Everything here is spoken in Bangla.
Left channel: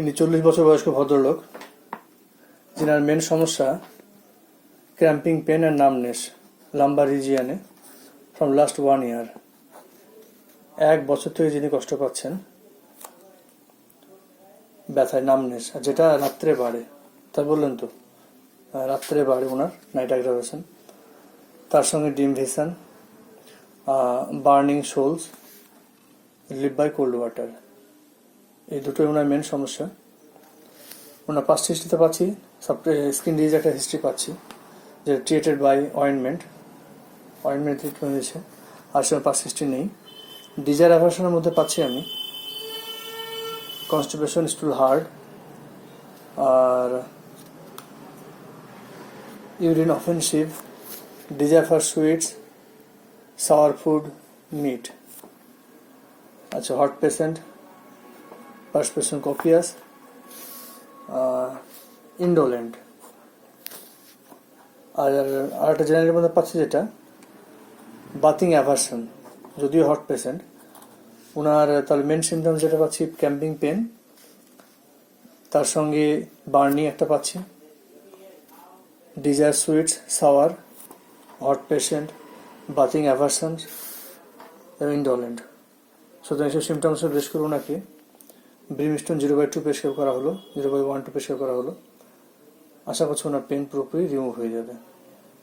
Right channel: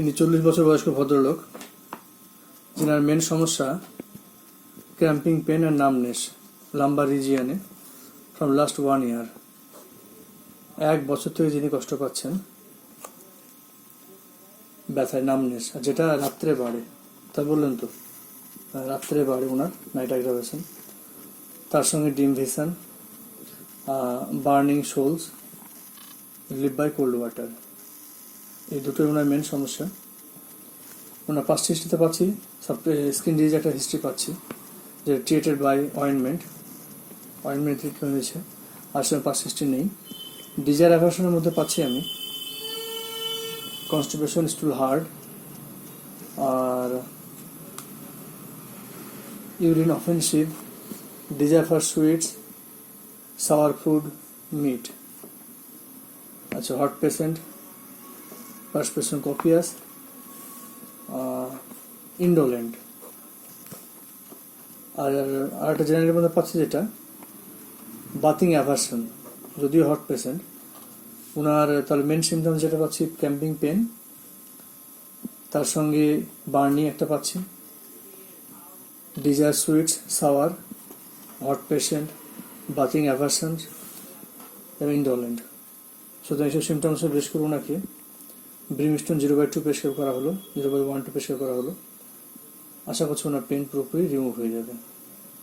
ইনি 40 বছর বয়স্ক ভদ্রলোক, যিনার মেন সমস্যা cramping pain and numbness lumbar রিজিয়ানে ফ্রম লাস্ট 1 year। 1 বছর থেকে যিনি কষ্ট পাচ্ছেন ব্যথায়, নামনেস, যেটা রাত্রে বাড়ে। তা বললেন তো, রাত্রে বাড়ে ওনার নাইট অ্যাগ্রাভেশন, তার সঙ্গে dim vision, burning soles, relieve by cold water, এই দুটোই ওনার মেন সমস্যা। ওনার পাস্ট হিস্ট্রিতে পাচ্ছি স্কিন ডিজিজ একটা হিস্ট্রি পাচ্ছি, যে ট্রিটেড বাই অয়েন্টমেন্ট ট্রিট হয়েছে, আর সে পাস্ট হিস্ট্রি নেই। ডিজায়ার অ্যাভার্শনের মধ্যে পাচ্ছি আমি কনস্টিপেশন, স্টুল হার্ড, আর urine offensive, desire for sweets, sour food, meat. আচ্ছা, hot patient, perspiration copious, indolent. আর একটা জেনারেলের মধ্যে পাচ্ছি যেটা বাথিং অ্যাভার্সন, যদিও হট পেশেন্ট, ওনার তাহলে মেন সিমটমস যেটা পাচ্ছি ক্র্যাম্পিং পেন, তার সঙ্গে বার্নিং একটা পাচ্ছি, desire sweets, sour, hot patient, bathing aversion এবং ইন্ডোলেন্ট। সুতরাং এইসব সিমটমসে বেশ করে ওনাকে ব্রিমস্টোন 0/2 প্রেসক্রাইব করা হলো, 0/1 প্রেসক্রাইব করা হলো। আশা করছি ওনার পেন পুরোপুরি রিমুভ হয়ে যাবে।